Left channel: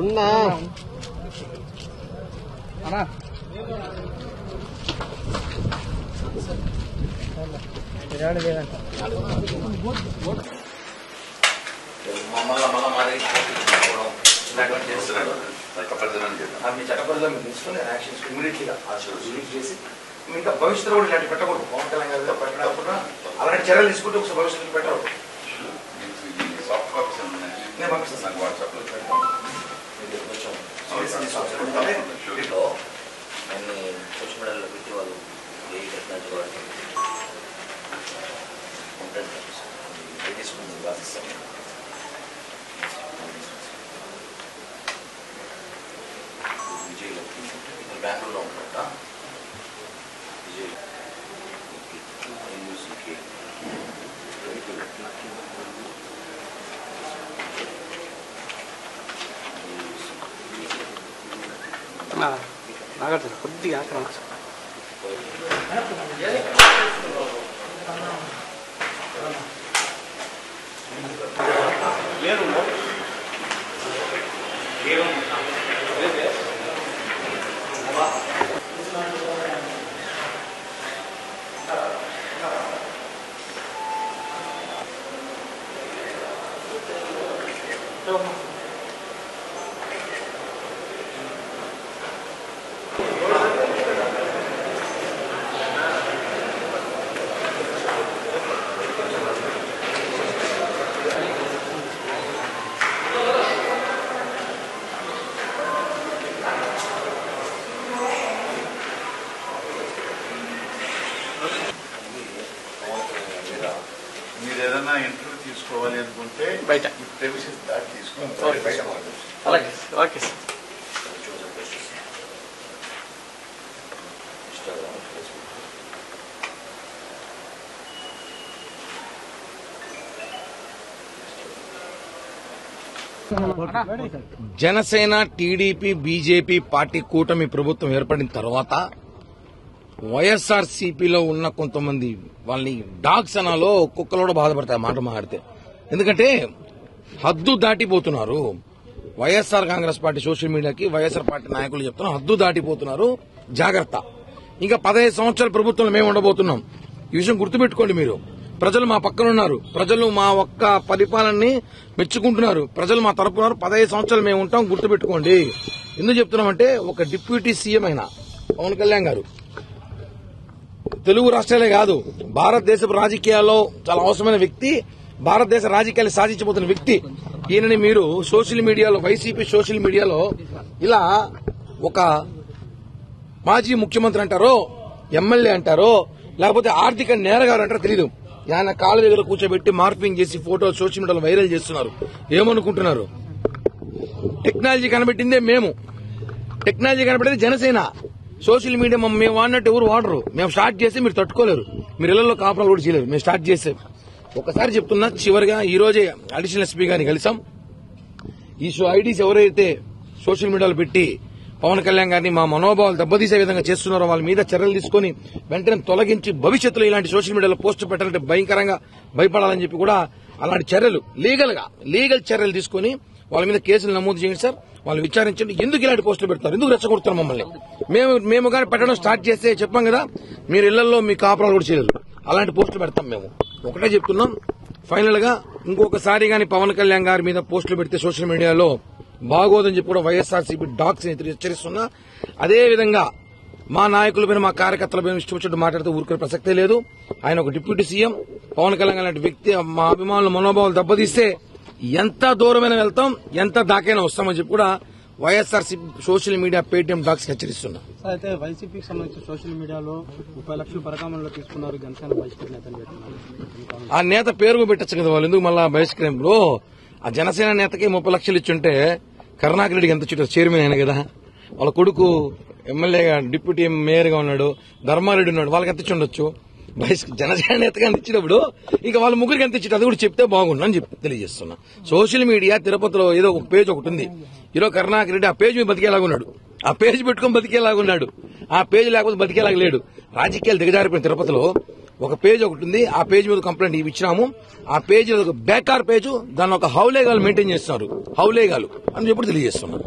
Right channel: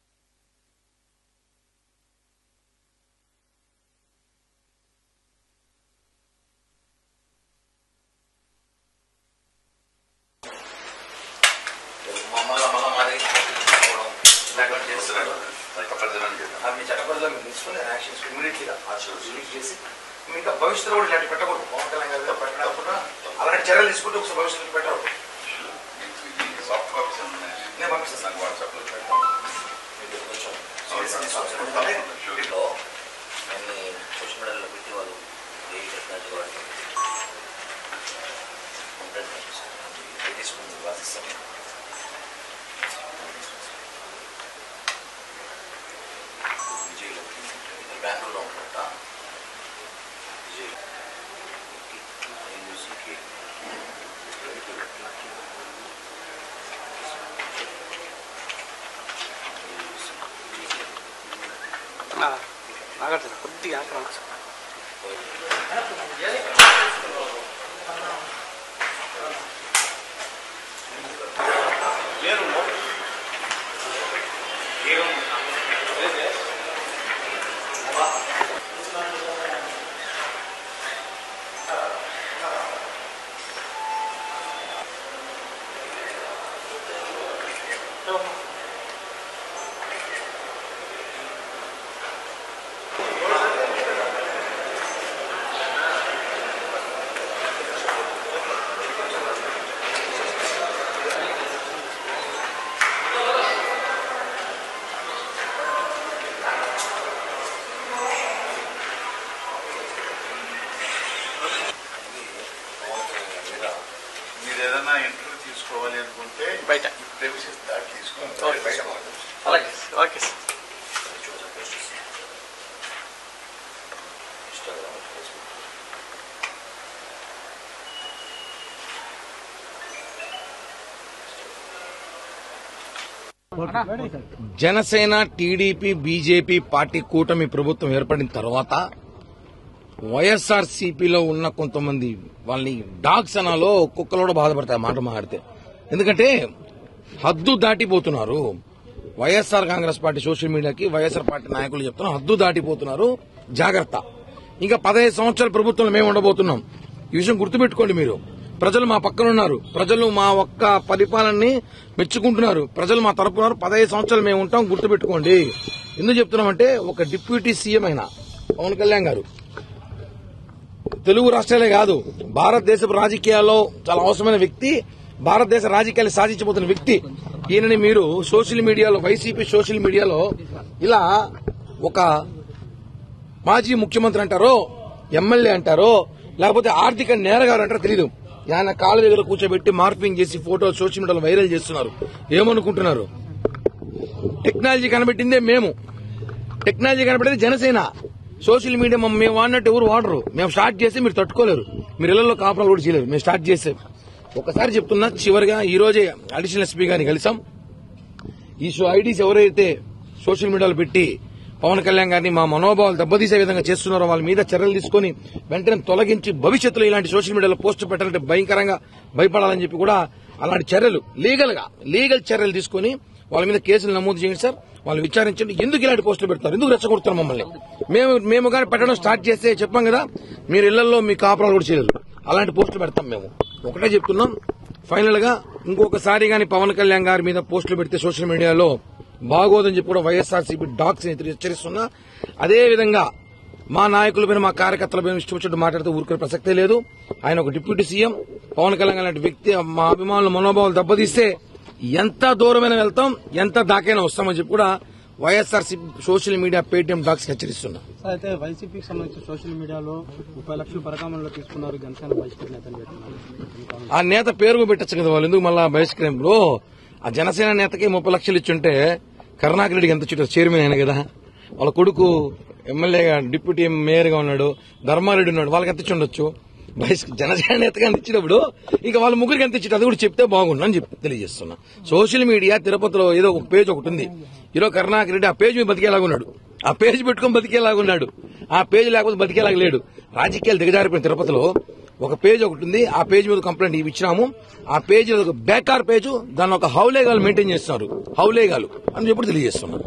ఉన్నా చట్టబద్ధంగా తీసుకుని యాక్షన్ ఇమీడియట్గా చేసి ఇంకా భవిష్యత్తులో కూడా ఇలాంటి పెట్టకూడదు. పవన్ కళ్యాణ్ గారిలో పెట్టకుండా అలాంటి చర్యలు తీసుకుంటే ఒకసారి భవిష్యత్తు పెట్టకూడదు. నేను పంపిస్తాను వాట్సాప్ లో. సోషల్ మీడియాలో పెట్టి వాళ్ళు బెంగళూరులో ఉంటా కొద్దిగా మీరు ఏదైనా ఇంటర్వ్యూ తీసుకోవాలి అనుకుంటే బయట తీసుకోవాలి. బయట అలాగే okay sir. Janasena, TDP, BJP party కూటమి ప్రభుత్వం ఏర్పడిన తర్వాత వైఎస్ఆర్సీపీలో ఉన్న కొంతమంది వాళ్ళని డాగ్స్ అనాలో కుక్కలు కూడా బాధపడతాయి మాట మాట్లాడితే. ఎందుకంటే హద్దు దాటిపోతున్నారు. వైఎస్ఆర్ కాంగ్రెస్ పార్టీ సోషల్ మీడియాకి వైఎస్ఆర్ పార్టీ నాయకులు చెప్తున్నారు, హద్దు దాటిపోతున్నారు, జాగ్రత్త. ఇంకా 15 సంవత్సరాల ప్రభుత్వంలో మేము ఉండబోతున్నాం. ఈ విషయం గుర్తుపెట్టుకోండి. మీరు ప్రజలు మా పక్కన ఉన్నారు. ప్రజలు మా ఒక్క పరిపాలనని మెచ్చుకుంటున్నారు. ప్రజలు మా తరపున ఉన్నారు. 15 సంవత్సరాలు మేము ఉంటాం, గుర్తుపెట్టుకోండి. ఎందుకు చెప్తున్నామంటే ఒక డిప్యూటీ సీఎం అయిన పవన్ కళ్యాణ్ గారు తెలుగు రాష్ట్రాలే కాదు భారతదేశపు రాజకీయాల్లో చాలా అవసరమైన వ్యక్తి, భారతదేశ రాజకీయాలు సాధించబోతున్న వ్యక్తి. ఈయనని మీరు సోషల్ మీడియాలో, వైసీపీ సోషల్ మీడియాలో ఇలా ఒక మాజీ ముఖ్యమంత్రి అంటారో, ఎమ్మెల్యే అంటారో, లేకపోతే ఆర్థిక నేరగారు అంటారో తెలియదు. ఆయన కాళ్ళ దగ్గర కూర్చోబెట్టి మార్పింగ్ చేసి ఫోటో సోషల్ మీడియాలో వైరల్ చేస్తున్నారు. ఏమనుకుంటున్నారు? టెక్నాలజీ కనిపెట్టిందే మేము, టెక్నాలజీ కనిపెట్టింది జనసేన. సోషల్ మీడియా మేము వాడినట్టు ఎవరు వాడరు. మేము స్టార్ట్ చేస్తే మీరు తట్టుకోలేరు. మీరు ఇళ్లలో కాపురాలు కూడా చేయలేరు. మేము స్టార్ట్ చేస్తే ఒకసారి చెప్తున్నా, చివరిగా ఈ రోజే అడిషనల్ ఎస్పీ గారిని కలిసాం. ఈ ఐడీస్ ఎవరైతే సోషల్ మీడియాలో పెట్టి పవన్ కళ్యాణ్ గారిని మా మనోభావాలు దెబ్బతీసే విధంగా చేస్తున్నారో వాళ్ళ మీద చర్యలు తీసుకుని వెంటనే తొలగించి భవిష్యత్తులో ఇలాంటి సోషల్ మీడియాలో పోస్టు పెట్టాలంటే భయంకరంగా భయపడాలని చెప్పి కూడా అలాంటి చర్యలు లీగల్ చర్యలు తీసుకుని వాళ్ళ మీద కేసులు నమోదు చేయండి సార్. వాళ్ళు విచారించండి. ఎందుకు ఇలాంటి పోస్టులు పెడతారు, ఎందుకు రెచ్చగొడుతున్నారు మమ్మల్ని? మేము కానీ పెట్టడం స్టార్ట్ చేస్తే చెప్పాం కదా, మీరు ఇళ్లలో మీ కాపురాలు కూడా చేయలేరు. అలాంటి పోస్టులు పెడతాం. మేము ఒకటే చెప్తున్నాం, ఫైనల్ గా ఇంకొకసారి గాని పవన్ కళ్యాణ్ గారి మీద పోస్టులు పెడితే సోషల్ మీడియాలో బాగోదని చెప్పి కూడా వైఎస్ఆర్సీపీ డాగ్స్ హెచ్చరిస్తున్నా. అదేవిధంగా మా నాయకులపైన మా కార్యకర్తలపైన ఇష్టం వచ్చినట్టు మాట్లాడితే ఊరుకునే ప్రసక్తే లేదు. ఆయన ఒక డిప్యూటీ సీఎం. పవన్ కళ్యాణ్ లాంటి వ్యక్తి మా అభిమానుల మనోభావాలు దెబ్బతీస్తే ఎంత దూరమైన వెళ్తాం, ఎంత దాకైనా వస్తామని చెప్పి కూడా YSRCP social media Paytm dogs హెచ్చరిస్తున్నా. అయితే వైసీపీకి సంబంధించి సోషల్ మీడియాలో 30 లక్షలు పరకామంలో తీసుకున్నారు జనసేన బహిష్కరణ నేతలు పెట్టున్నారు. ఆ నేత పేరు పెట్టచ్చు కదా, వాళ్ళు ఎందుకు మళ్ళా బహిష్కరింపులో? ఆ జనసేన నేతకి 30 లక్షలు ఇచ్చుంటే కరుణాకర్ రెడ్డికి ఎంత ఇచ్చారు? చైర్మన్ అయినా కదా. వాళ్ళ కొడుకు ఎమ్మెల్యేగా డిప్యూటీ మేయర్గా ఉన్నాడు, ధర్మారెడ్డి ఉన్నాడు, వాళ్ళకి ఎంత ఇచ్చి ఉండొచ్చు? జనసేన నేతగా ఎంత ఇచ్చినప్పుడు ఇక వాళ్ళ ముగ్గురికి ఎంత ఇచ్చారు అది కూడా చెప్తే బాగుండని చెప్పి తెలియజేస్తున్నా. సోషల్ మీడియా తిరుపతిలో ఏదో ఒక పేజ్ ఒకటి ఉంది. ఈరోజు కరుణాకర్ రెడ్డి ఆ పేజ్ మీద బతికేలాగున్నాడు, ఆ పేజ్ పెట్టుకుని బతికేలాగున్నాడు, ఆ పేజ్ లేకపోతే బతికేలాగా లేడు. రాజకీయాలు దిగజారిపోయిన తిరుపతిలో ఒక పేజ్ ఒకటి ఉంది. ఆ పేజ్ మీద కంప్లైంట్ ఇచ్చినాము. ఆ పేజ్ ఒక బేకార్ పేజ్, దాన్ని ఒక హౌలేగాలు మెయింటైన్ చేస్తున్నారు, హౌలేగాలు అని చెప్పి తెలియజేస్తున్నారు.